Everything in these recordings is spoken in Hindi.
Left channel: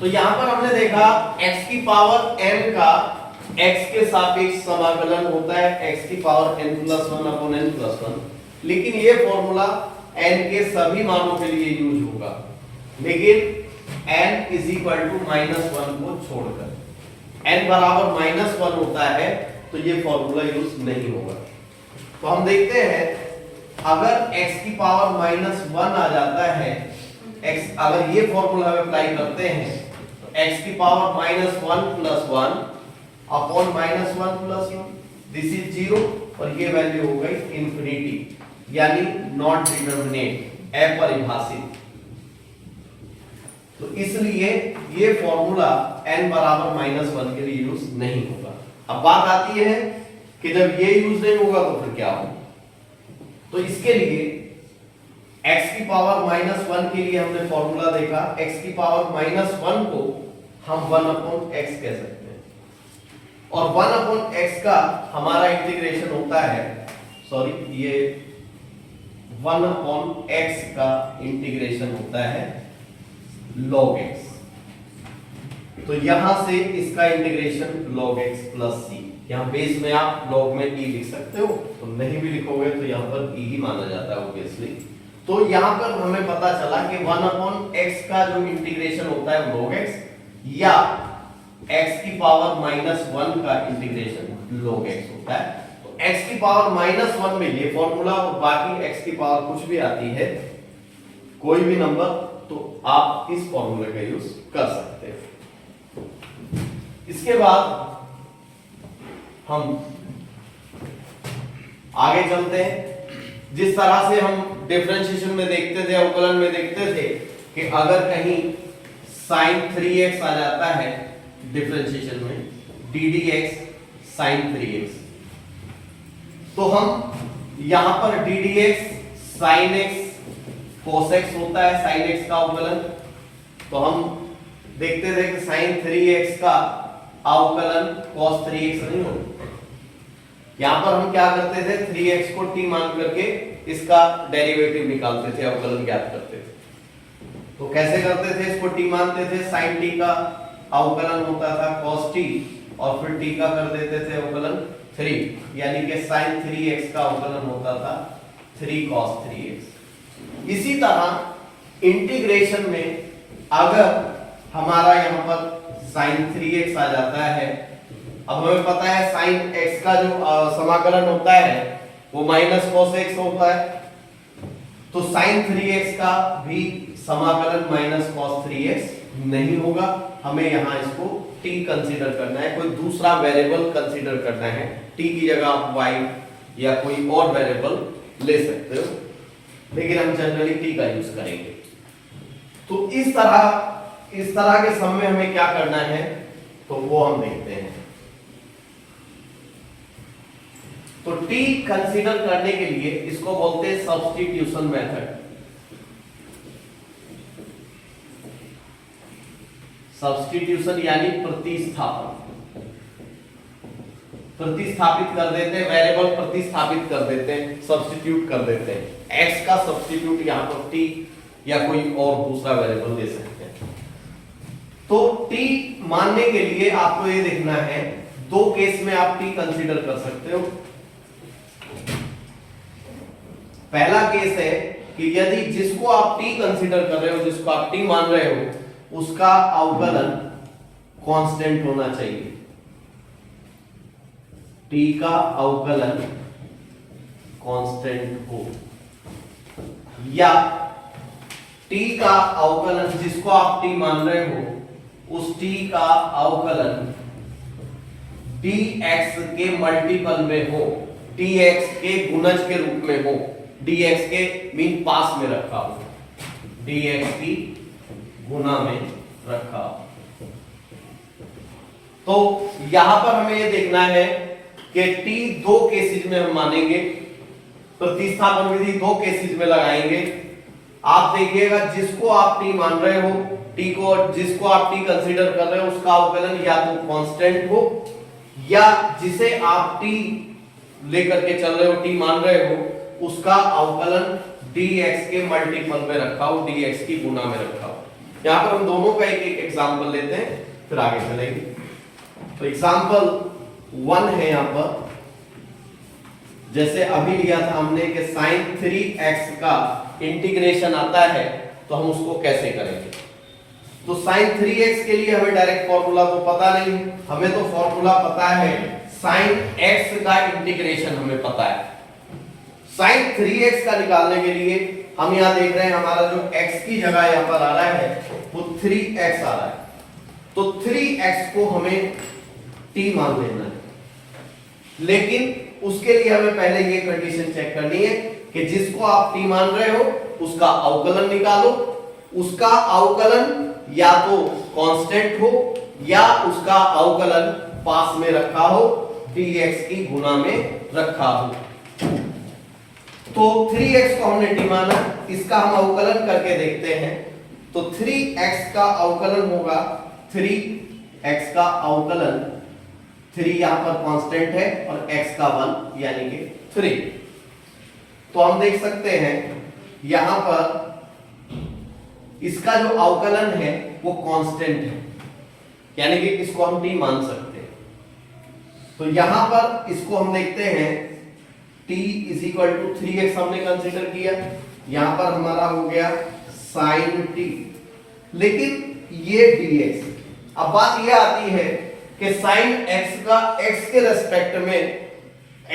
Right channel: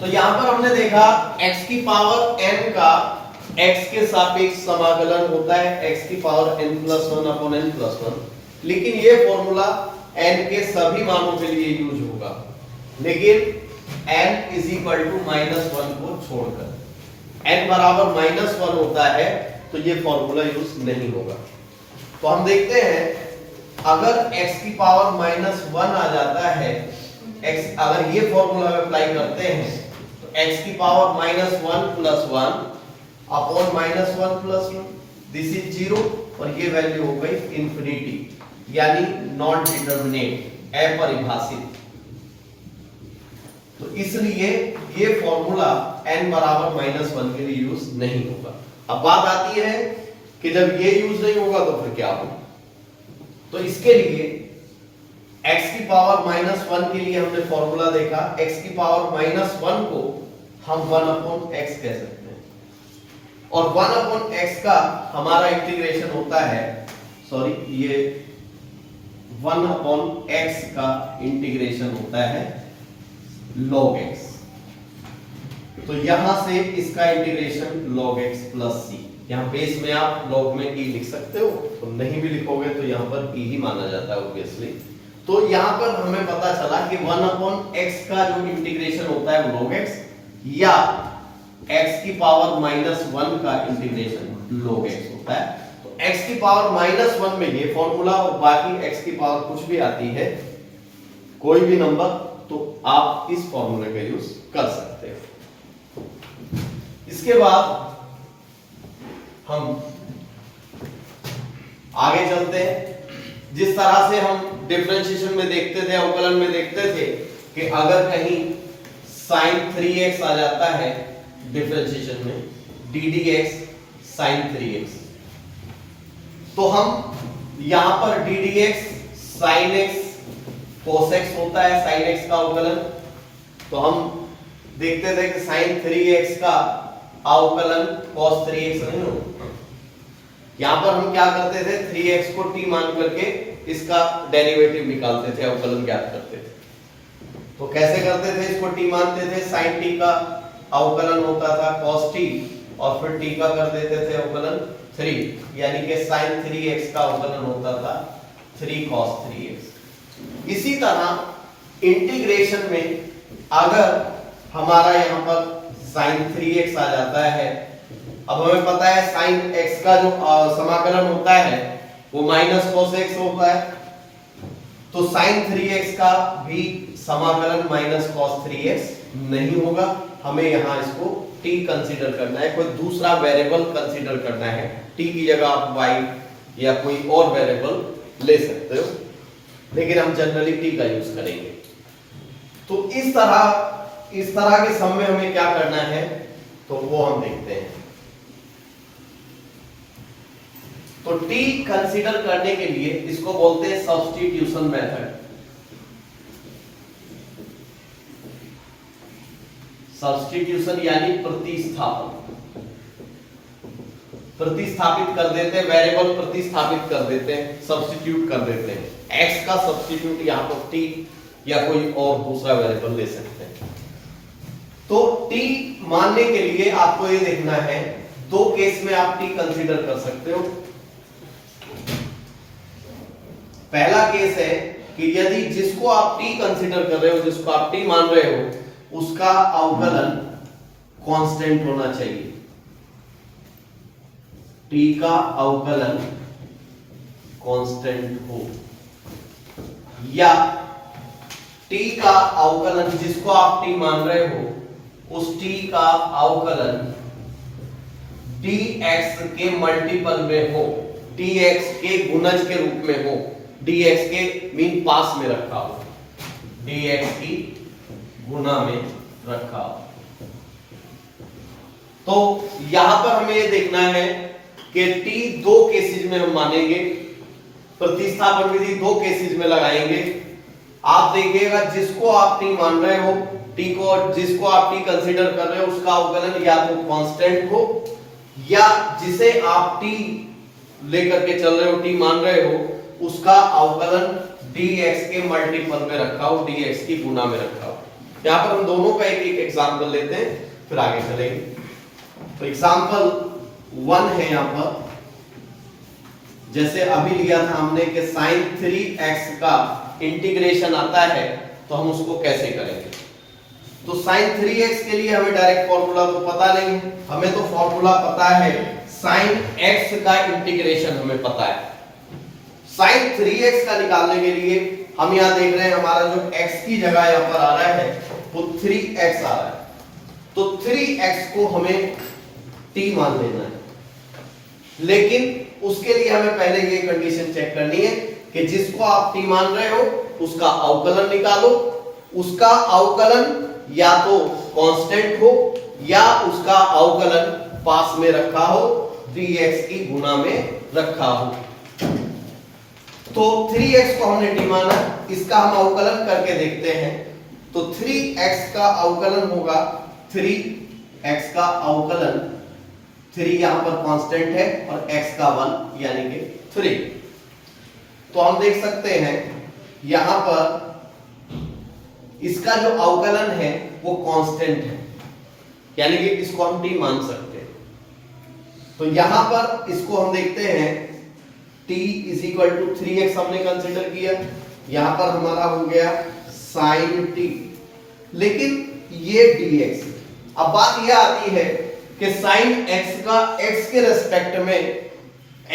तो यहाँ पर हमने देखा x की पावर n का x के सापेक्ष समाकलन होता है x की पावर n+1/n+1, लेकिन ये फॉर्मूला n के सभी मानों के लिए यूज होगा, लेकिन n -1 को छोड़कर। n बराबर -1 होता है तो ये फॉर्मूला यूज नहीं होगा। तो हम देखते हैं अगर x की पावर -1 आ जाता है, x अगर ये फॉर्मूला में अप्लाई करते हैं तो x की पावर -1+1 अपॉन -1+1, दिस इज 0 और ये वैल्यू हो गई इंफिनिटी, यानी नॉट डिटरमिनेट, अपरिभाषित। तो इसलिए ये फॉर्मूला n बराबर -1 के लिए यूज नहीं होगा। अब बात आती है कि जब ये यूज नहीं होगा तो फिर क्या होगा। तो इसके लिए x की पावर -1 के लिए हमने फॉर्मूला देखा, x की पावर -1 को हम 1/x कह सकते हैं, और 1/x का हमारा इंटीग्रेशन होता है, सॉरी ये 1/x का इंटीग्रेशन होता है log x। तो यहां से इसका इंटीग्रेशन log x + c, यहाँ बेस में आप log में e लिख सकते हो, तो नहीं भी लिखोगे तो यहाँ पर e ही माना जाता है ऑब्वियसली। तो यहाँ पर हमें पता चला कि 1/x का जो इंटीग्रेशन होता है log x, या x की पावर -1 का इंटीग्रेशन log x होता है। तो x की पावर -1 में ये फॉर्मूला, और बाकी x की पावर कुछ भी आती है, कोई भी नंबर, तो आप इस फॉर्मूले का यूज कर सकते हो। इसके बाद हम आगे चलते हैं। जिस तरह से हम डिफरेंशिएशन में देखते थे, अवकलन में देखते थे कि अगर कहीं sin 3x आ जाता है डिफरेंशिएशन में, ddx sin 3x, तो हम यहां पर ddx sin x cos x होता है, sin x का अवकलन। तो हम देखते थे कि sin 3x का अवकलन cos 3x नहीं होता। यहां पर हम क्या करते थे, 3x को t मान करके इसका डेरिवेटिव निकालते थे, अवकलन ज्ञात करते थे। तो कैसे करते थे, इसको t मानते थे, sin t का अवकलन होता था cos t, और फिर t का कर देते थे अवकलन 3, यानी कि sin 3x का अवकलन होता था 3 cos 3x। इसी तरह इंटीग्रेशन में अगर हमारा यहां पर sin 3x आ जाता है, अब हमें पता है sin x का जो समाकलन होता है वो -cos x होता है, तो sin 3x का भी समाकलन -cos 3x नहीं होगा। हमें यहां इसको t कंसीडर करना है, कोई दूसरा वेरिएबल कंसीडर करना है। t की जगह आप y या कोई और वेरिएबल ले सकते हो, लेकिन हम जनरली t का यूज करेंगे। तो इस तरह के सम में हमें क्या करना है, तो वो हम देखते हैं। तो t कंसीडर करने के लिए इसको बोलते हैं सब्स्टिट्यूशन मेथड। सब्स्टिट्यूशन यानी प्रतिस्थापन, प्रतिस्थापित कर देते हैं, वेरिएबल प्रतिस्थापित कर देते हैं, सब्स्टिट्यूट कर देते हैं। x का सब्स्टिट्यूट यहां पर t या कोई और दूसरा वेरिएबल ले सकते हैं। तो t मानने के लिए आपको ये देखना है, दो केस में आप t कंसीडर कर सकते हो। पहला केस है कि यदि जिसको आप t कंसीडर कर रहे हो, जिसको आप t मान रहे हो, उसका अवकलन कांस्टेंट होना चाहिए। t का अवकलन कांस्टेंट हो, या t का अवकलन जिसको आप t मान रहे हो, उस t का अवकलन dx के मल्टीपल में हो, dx के गुणज के रूप में हो, dx के मीन पास में रखा हो, dx की गुना में रखा हो। तो यहां पर हमें ये देखना है कि t दो केसेस में हम मानेंगे, प्रतिस्थापन विधि दो केसेस में लगाएंगे। आप देखिएगा जिसको आप t मान रहे हो, t को, जिसको आप t कंसीडर कर रहे हो, उसका अवकलन या तो कांस्टेंट हो, या जिसे आप t लेकर के चल रहे हो, t मान रहे हो, उसका अवकलन dx के मल्टीपल में रखा हो, dx की गुना में रखा हो। यहां पर हम दोनों का एक एक एग्जांपल लेते हैं, फिर आगे चलेंगे। तो एग्जांपल 1 है यहां पर, जैसे अभी लिया था हमने कि sin 3x का इंटीग्रेशन आता है, तो हम उसको कैसे करेंगे। तो sin 3x के लिए हमें डायरेक्ट फॉर्मूला तो पता नहीं, हमें तो फॉर्मूला पता है sin x का इंटीग्रेशन हमें पता है। sin 3x का निकालने के लिए हम यहां देख रहे हैं हमारा जो x की जगह यहां पर आ रहा है वो 3x आ रहा है, तो 3x को हमें t मान लेना है। लेकिन उसके लिए हमें पहले ये कंडीशन चेक करनी है कि जिसको आप t मान रहे हो उसका अवकलन निकालो, उसका अवकलन या तो कांस्टेंट हो या उसका अवकलन पास में रखा हो, 3x की गुना में रखा हो। तो 3x को हमने t माना, इसका हम अवकलन करके देखते हैं। तो 3x का अवकलन होगा 3x का अवकलन, 3 यहां पर कांस्टेंट है और x का 1 यानी कि 3। तो हम देख सकते हैं यहां पर इसका जो अवकलन है वो कांस्टेंट है, यानी कि इसको हम t मान सकते हैं। तो यहां पर इसको हम देखते हैं t is equal to 3x हमने कंसीडर किया, यहां पर हमारा हो गया sin t, लेकिन ये dx। अब बात यह आती है कि sin x का x के रेस्पेक्ट में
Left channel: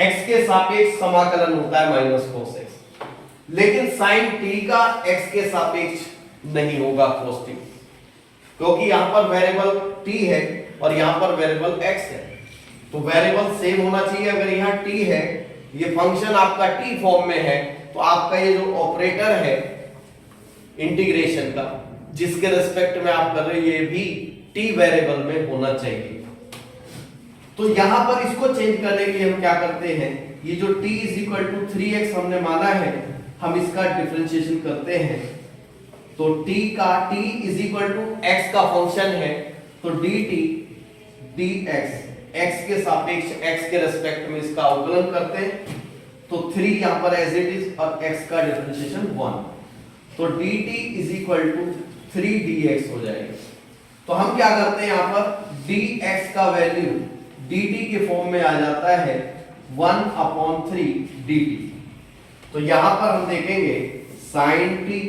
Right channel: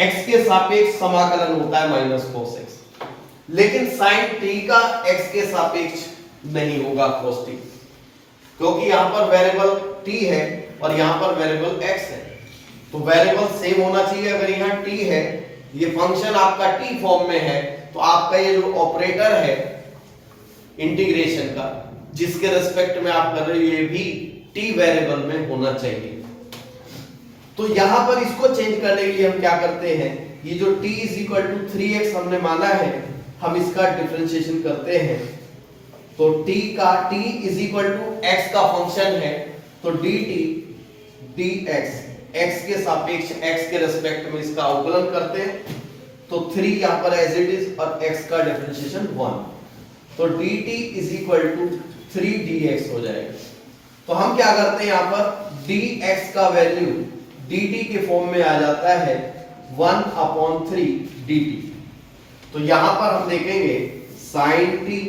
x के सापेक्ष समाकलन होता है माइनस cos x, लेकिन sin t का x के सापेक्ष नहीं होगा cos t, क्योंकि यहां पर वेरिएबल t है और यहां पर वेरिएबल x है। तो वेरिएबल सेम होना चाहिए। अगर यहां t है, ये फंक्शन आपका t फॉर्म में है, तो आपका ये जो ऑपरेटर है इंटीग्रेशन का जिसके रेस्पेक्ट में आप कर रहे हो ये भी t वेरिएबल में होना चाहिए। तो यहां पर इसको चेंज करने के लिए हम क्या करते हैं, ये जो t is equal to 3x हमने माना है, हम इसका डिफरेंशिएशन करते हैं। तो t is equal to x का फंक्शन है, तो dt dx x के सापेक्ष x के रेस्पेक्ट में इसका अवकलन करते हैं। तो 3 यहां पर एज इट इज और x का डिफरेंशिएशन 1, तो dt is equal to 3 dx हो जाएगा। तो हम क्या करते हैं, यहां पर dx का वैल्यू dt के फॉर्म में आ जाता है 1/3 dt। तो यहां पर हम देखेंगे sin t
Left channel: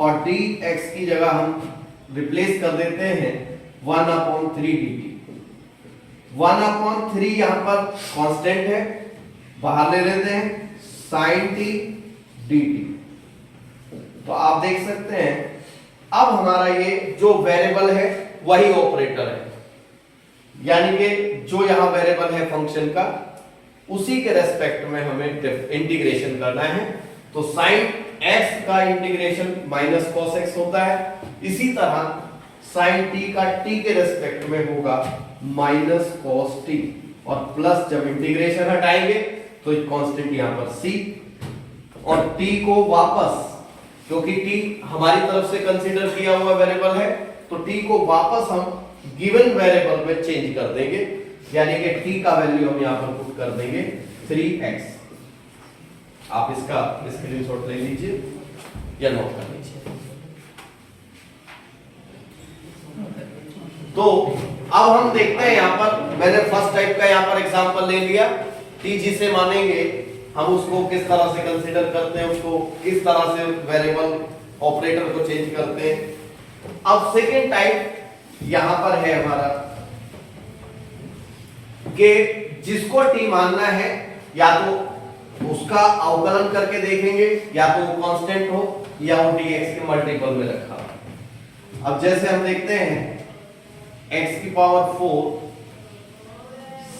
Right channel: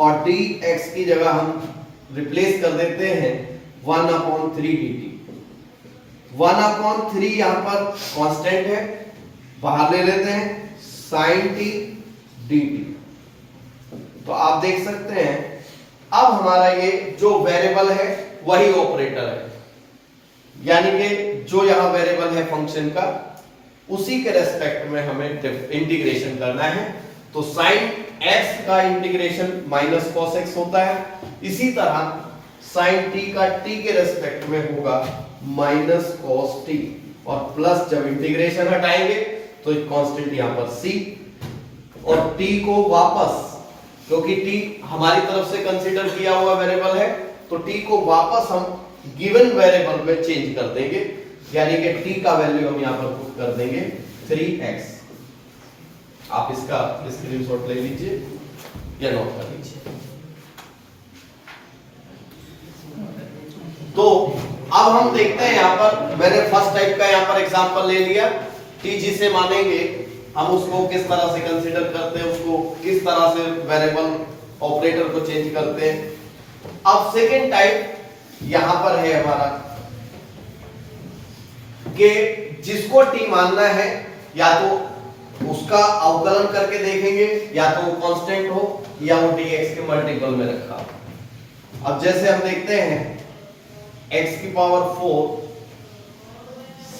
और dx की जगह हम रिप्लेस कर देते हैं 1/3 dt। 1/3 यहां पर कांस्टेंट है, बाहर ले लेते हैं sin t dt। तो आप देख सकते हैं अब हमारा ये जो वेरिएबल है वही ऑपरेटर है, यानी कि जो यहां वेरिएबल है फंक्शन का उसी के रेस्पेक्ट में हमें इंटीग्रेशन करना है। तो sin x का इंटीग्रेशन माइनस cos x होता है, इसी तरह sin t का t के रेस्पेक्ट में होगा माइनस cos t, और प्लस जब इंटीग्रेशन हटाएंगे तो एक कांस्टेंट यहां पर c, और t को वापस, क्योंकि t हमारी तरफ से कंसीडर किया हुआ वेरिएबल है, तो t को वापस हम गिवन वेरिएबल में चेंज कर देंगे, यानी कि t का वैल्यू हम यहां पर पुट कर देंगे 3x। आप इसका स्क्रीनशॉट ले लीजिए या नोट कर लीजिए। तो अब हम देखते हैं यहां पर मैंने फर्स्ट टाइप का यहां पर एग्जांपल ले लिया, t जिसे मानेंगे हम उसको किस तरह से कंसीडर करते हैं, उसको किस तरह से वेरिएबल ऑपरेटर को चेंज करते हैं। अब सेकेंड टाइप यहां पर है हमारा कि जिसको t मानना है या तो उसका अवकलन करके देखेंगे, या तो वो कांस्टेंट हो या वो dx के मल्टीपल में रखा हो। अब जैसे हम देखते हैं x की पावर 4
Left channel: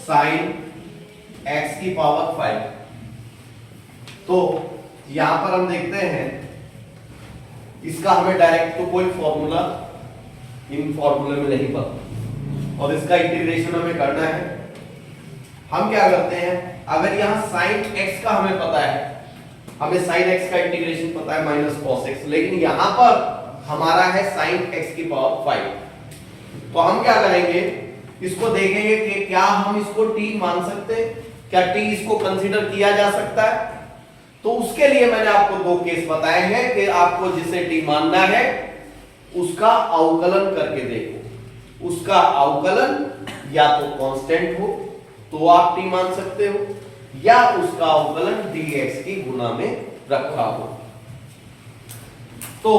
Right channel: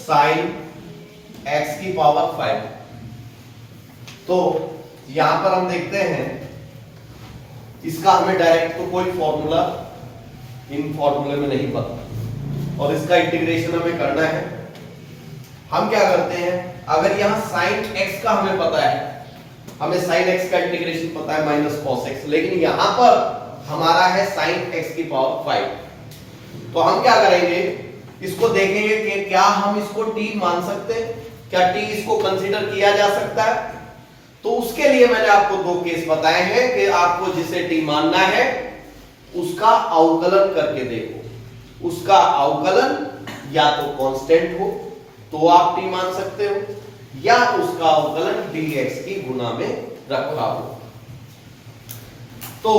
sin x की पावर 5, तो यहां पर हम देखते हैं इसका हमें डायरेक्ट तो कोई फॉर्मूला इन फॉर्मूले में नहीं पता, और इसका इंटीग्रेशन हमें करना है। हम क्या करते हैं, अगर यहां sin x का हमें पता है, हमें sin x का इंटीग्रेशन पता है माइनस cos x, लेकिन यहां पर हमारा है sin x की पावर 5, तो हम क्या करेंगे, इसको देखेंगे कि क्या हम इसको t मान सकते हैं, क्या t इसको कंसीडर किया जा सकता है। तो उसके लिए मैंने आपको दो केस बताए हैं कि आपको जिसे t मानना है उसका अवकलन करके देखो। उसका अवकलन या तो कांस्टेंट हो तो आप टी मान सकते हो, या उसका अवकलन dx की गुना में रखा हो। तो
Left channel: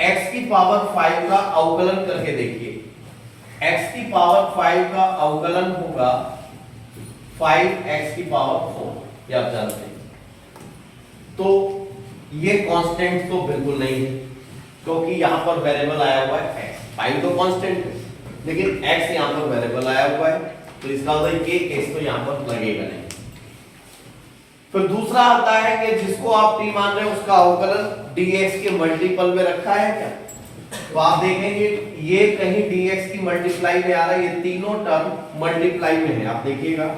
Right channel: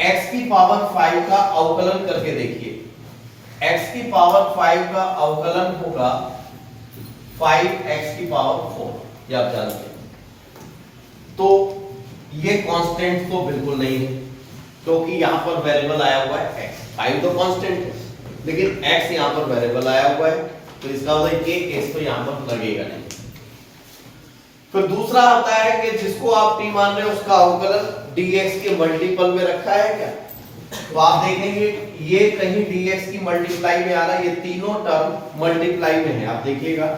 x की पावर 5 का अवकलन करके देखिए। x की पावर 5 का अवकलन होगा 5x की पावर 4, ये आप जानते हैं। तो ये कांस्टेंट तो बिल्कुल नहीं है, क्योंकि यहां पर वेरिएबल आया हुआ है x। 5 तो कांस्टेंट है, लेकिन x यहां पर वेरिएबल आया हुआ है, तो इसका मतलब ये केस तो यहां पर लगेगा नहीं। फिर दूसरा आता है कि जिसको आप t मान रहे हैं उसका अवकलन dx के मल्टीपल में रखा है क्या? तो आप देखेंगे ये कहीं dx की मल्टीप्लाई में आ रहा है, ये तीनों टर्म मल्टीप्लाई में है। आप देखिएगा,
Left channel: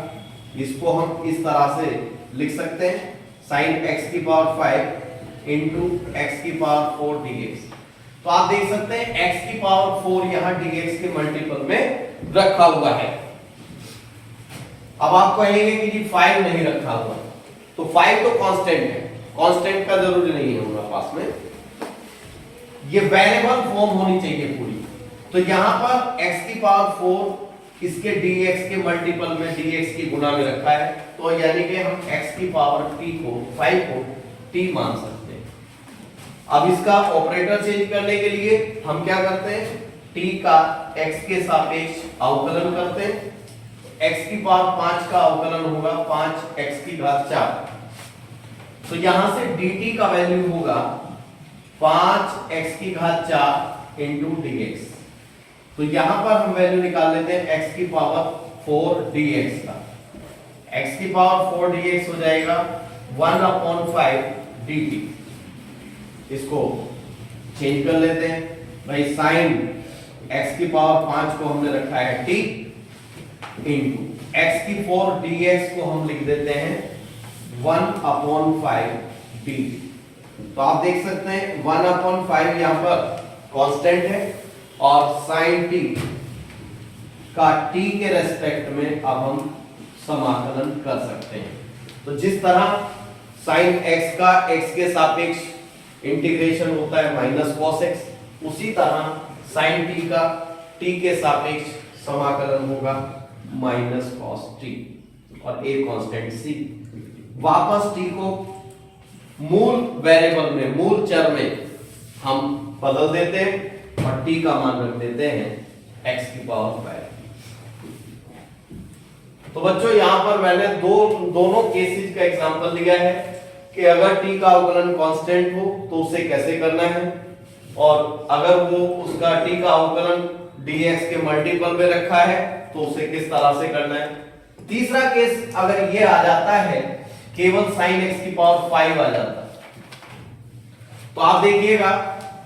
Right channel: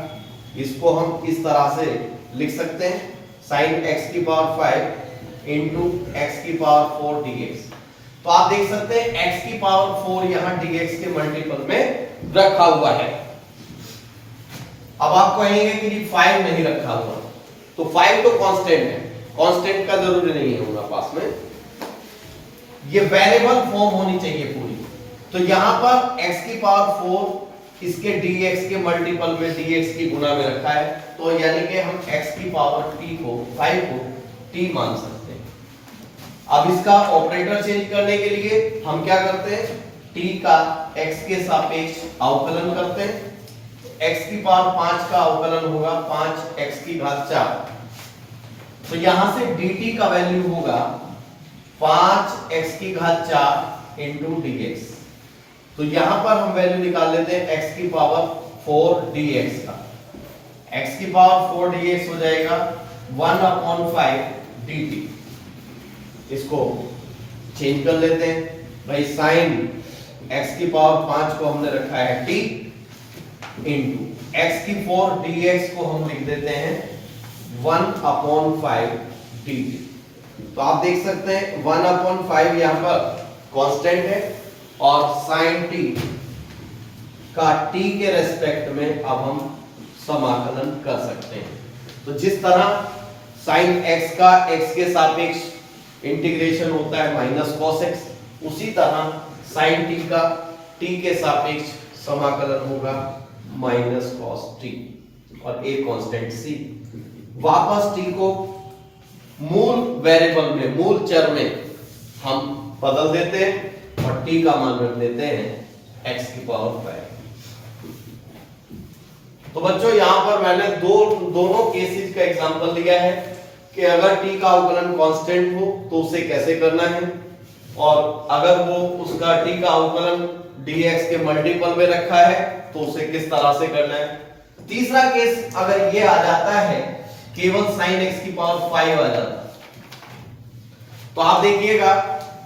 इसको हम इस तरह से लिख सकते हैं sin x की पावर 5 इंटू x की पावर 4 dx। तो आप देख सकते हैं x की पावर 4 यहां dx के मल्टीपल में रखा हुआ है। अब आप कहेंगे कि जी 5 नहीं रखा हुआ, तो 5 तो कांस्टेंट है, कांस्टेंट का जरूरी नहीं है हमारे पास में, ये वेरिएबल फॉर्म होनी चाहिए पूरी। तो यहां पर x की पावर 4 इसके dx के मल्टीपल में dx की गुना में रखा है, तो यानी कि हम x की पावर t को 5 को t मान सकते हैं। अब इसका ऑपरेटर चेंज करने के लिए हम क्या करते हैं, t का x के सापेक्ष अवकलन करते हैं। x की पावर 5 का अवकलन होगा 5x की घात 4। तो यहां से dt का वैल्यू होगा 5x की घात 4 इंटू dx। तो यहां पर हम वैल्यू निकाल लेते हैं x की पावर 4 dx का। x की पावर 4 dx हो जाएगा 1/5 dt। इसको चेंज कर लेते हैं भाई, साइन x की पावर 5 को हमने रखा है t इंटू x की 4 dx को हम लिख देते हैं 1/5 dt। तो आप देख सकते हैं 1/5 यहां पर कांस्टेंट है, और sin t का t के रेस्पेक्ट में अब हम समाकलन कर सकते हैं। तो जिस तरह sin x का x के सापेक्ष इंटीग्रेशन होता है माइनस cos x, उसी तरह sin t का t के सापेक्ष समाकलन होगा माइनस cos t, और एक कांस्टेंट c। वापस t को मूल वेरिएबल में, मूल चर में हम बदल देते हैं और t का मान रख देते हैं x की पावर 5। तो बच्चों यहां पर मैंने दोनों केसेस का एग्जांपल लिया है कि अगर t का अवकलन कांस्टेंट हो तो उसे कैसे करना है, और अगर वो उसका t का अवकलन dx के मल्टीपल में रखा है तो उसे किस तरह से करना है। तीसरा केस अगर ये आ जाता है केवल sin x की पावर 5 आ जाता है, तो आप देखिएगा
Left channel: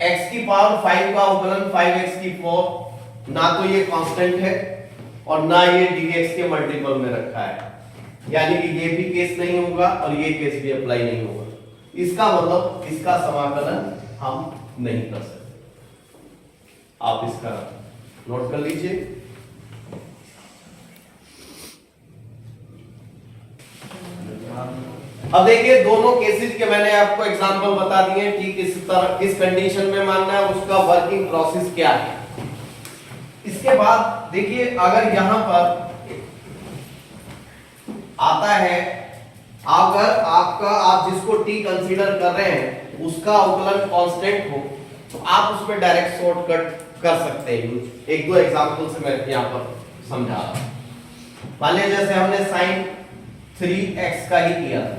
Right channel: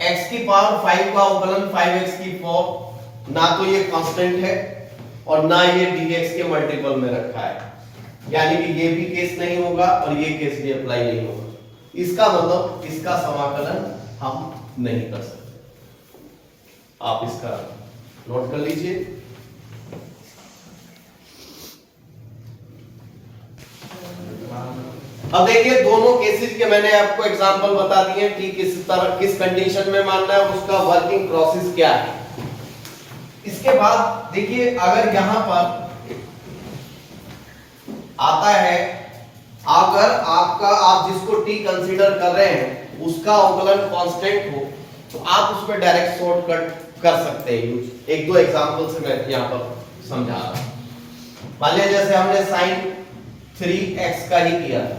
x की पावर 5 का अवकलन 5x की 4, ना तो ये कांस्टेंट है और ना ये dx के मल्टीपल में रखा है, यानी कि ये भी केस नहीं होगा और ये केस भी अप्लाई नहीं होगा। इसका मतलब इसका समाकलन हम नहीं कर सकते। आप इसका नोट कर लीजिए। अब देखिए दोनों केसेस के मैंने आपको एग्जांपल बता दिए, ठीक इस तरह किस कंडीशन में मानना है, उसका वर्किंग प्रोसेस क्या है। इसके बाद देखिए अगर यहां पर आता है, अगर आप जिसको t कंसीडर कर रहे हैं उसका अवकलन कांस्टेंट हो तो आप उसमें डायरेक्ट शॉर्टकट कर सकते हैं यूज। एक दो एग्जांपल से मैं यहां पर समझा रहा हूं। मान लीजिए जैसे हमने sin 3x का ही किया था,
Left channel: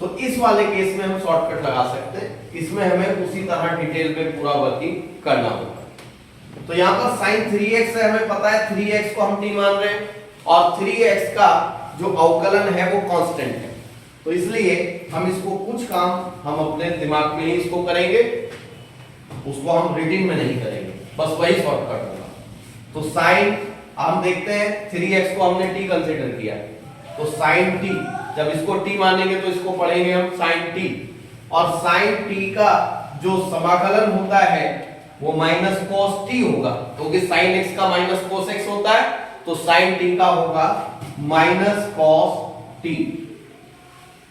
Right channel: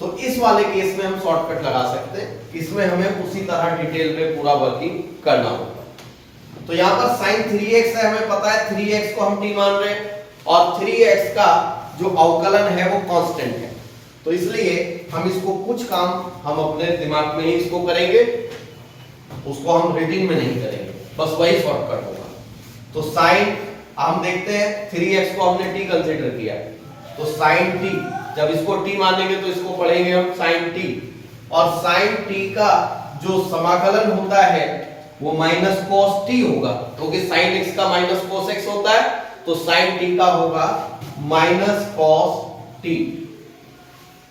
तो इस वाले केस में हम शॉर्टकट लगा सकते हैं, इसमें हमें उसी तरह डिटेल में पूरा वर्किंग करना होगा। तो यहां पर sin 3x है, हमें पता है 3x को हम t मान रहे हैं और 3x का जो अवकलन है वो कांस्टेंट है, तो इसलिए हम इसको कुछ काम हम अपने दिमाग में ही इसको करेंगे, उसको हम रीडिंग में नहीं करेंगे, बस वही शॉर्टकट होगा। तो sin हम देखते हैं 3x को हमने t कंसीडर किया, तो sin t, जब इसको t मानेंगे तो इसको पढ़ेंगे हम sin t, और sin t का जो समाकलन होता है वो माइनस cos t होगा, क्योंकि sin x का माइनस cos x होता है, तो sin t का होगा माइनस cos t।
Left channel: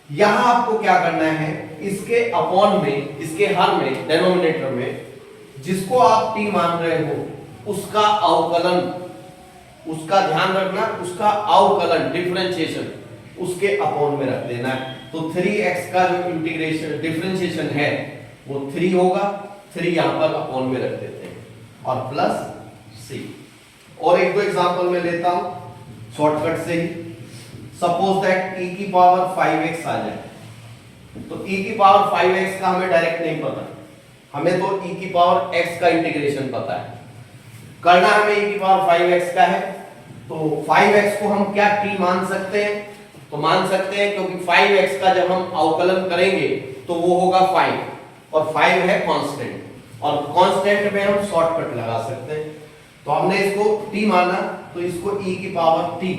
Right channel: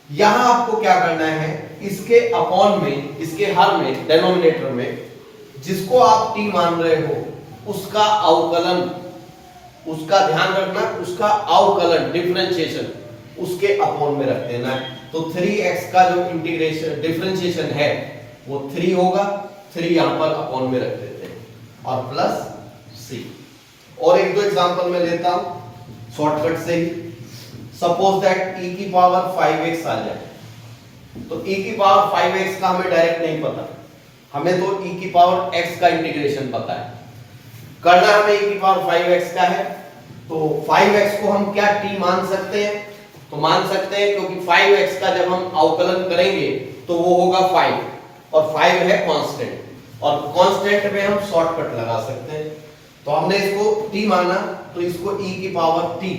यहां आपको क्या करना है, इसके अपॉन में, इसके हर में, डेनोमिनेटर में जिसको आप t मान रहे हो उसका अवकलन, उसका ध्यान रखना, उसका अवकलन डिफरेंशिएशन उसके अपॉन में रख देना है। तो 3x का जो इंटीग्रेशन डिफरेंशिएशन है वो 3 होगा, 3 यहां पर अपॉन में रख देते हैं और प्लस c। और एक दो एग्जांपल मैं लेता हूं शॉर्टकट से ही। सपोज दैट e की पावर 5x आ जाए, तो e की पावर 5x का हमें डायरेक्ट नहीं पता, हमें तो e की पावर x का इंटीग्रेशन पता है। करना हमें e की पावर 5x का है, तो 5x को हम क्या t मान सकते हैं, तो मान सकते हैं क्योंकि 5x का जब हम अवकलन करेंगे तो वो होगा 5 और 5 है कांस्टेंट, और कांस्टेंट में हम शॉर्टकट लगा सकते हैं। तो हमने इसको t माना, तो इसको e की पावर t,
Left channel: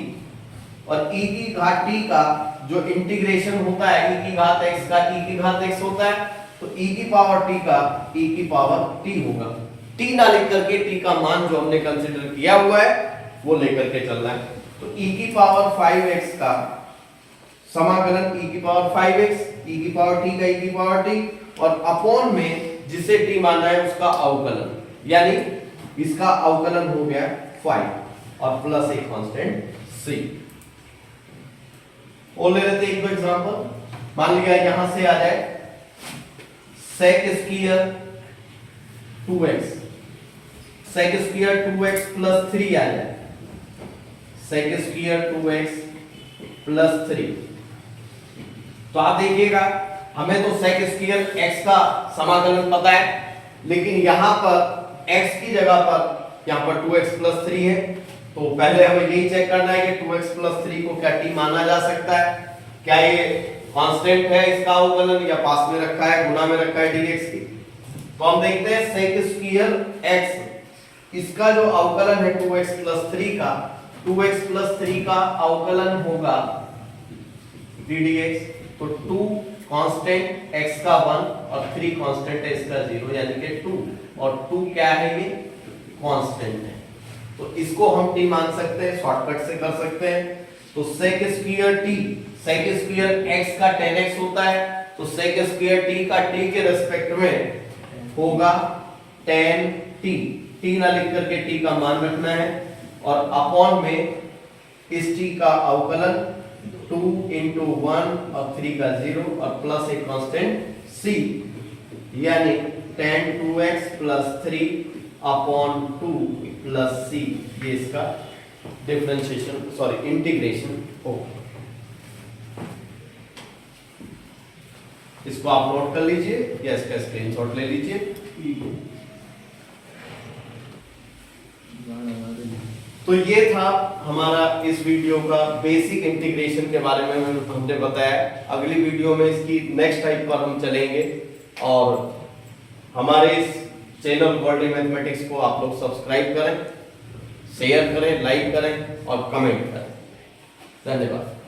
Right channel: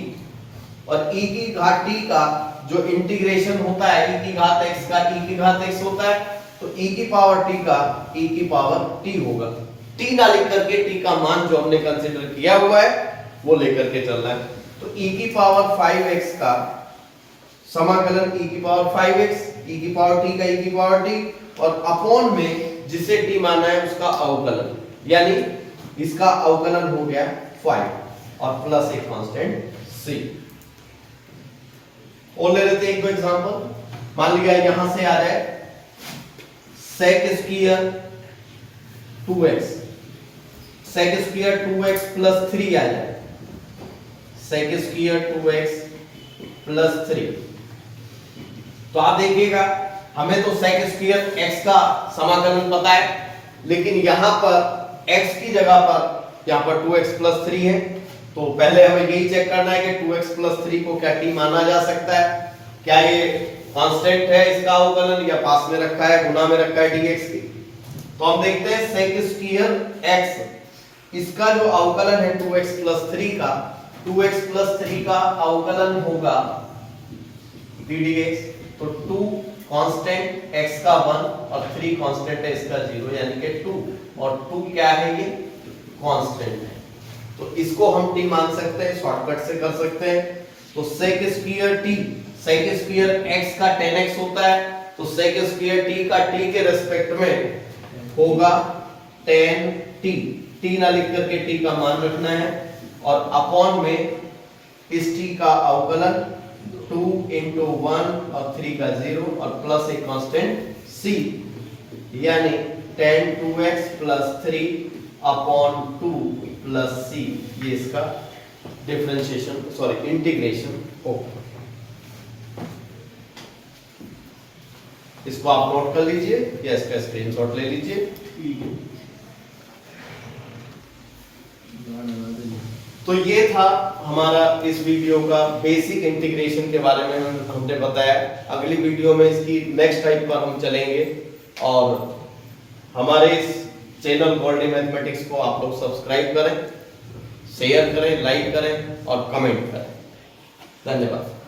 और e की घात t का जो इंटीग्रेशन होता है e की घात x का t की घात x होता है, तो e की पावर t का e की पावर t होगा। t ना लिख करके t का मान जो हमने कंसीडर किया हुआ है वो लेकर के चलना है। तो e की पावर 5x का समाकलन e की पावर 5x, e की पावर t का e की पावर t, और अपॉन में जिसे t मानना है उसका अवकलन, यानी इसका अवकलन हो गया 5 और प्लस एक कांस्टेंट c। और ले लेते हैं एक दो एग्जांपल। मान लिया यहां से आ जाए sec square 2x, sec square 2x plus 3 आ जाए, sec स्क्वायर 2x प्लस 3। तो आप देखिएगा हमें तो sec स्क्वायर x का समाकलन पता है, लेकिन यहां पर x की जगह पर यहां पर 2x प्लस 3 है, तो पहले हमें यही चेक करना है कि 2x प्लस 3 को क्या t माना जा सकता है, क्या ये कांस्टेंट है इसका अवकलन या पास में रखा है, गुना में रखा है dx की। तो हम देखते हैं sec स्क्वायर x, इसका जो अवकलन है 2x प्लस 3 का, 2x प्लस 3 का अवकलन होगा ddx। तो 2 कांस्टेंट x का 1 और 3 कांस्टेंट है इसका 0, यानी कि 2, और 2 क्या है, ये कांस्टेंट है। तो इसको हम t मान सकते हैं, शॉर्टकट से कर सकते हैं। तो sec square t, sec square x का 10x होता है, तो sec स्क्वायर t का t के रिस्पेक्ट में होगा 10t। t ना लिख करके t का मान रखना है, और अपॉन में इस t का अवकलन 2 into 1 और 3 का 0 और प्लस एक कांस्टेंट c, यानी 10 2x plus 3 upon 2 plus c, ये इसका डिफरेंशिएशन सॉरी इंटीग्रेशन होगा। इसको आप नोट कर लीजिए या इसका स्क्रीनशॉट ले लीजिए। तो ये था हमारा इस वीडियो का बेसिक इंटीग्रेशन के बारे में हमने बताया। अगली वीडियो में इसकी नेक्स्ट टाइप पर हम चलेंगे, और हमारे इस चैनल वर्ल्ड मैथमेटिक्स को आप लोग सब्सक्राइब करें, शेयर करें, लाइक करें और कमेंट करें। धन्यवाद।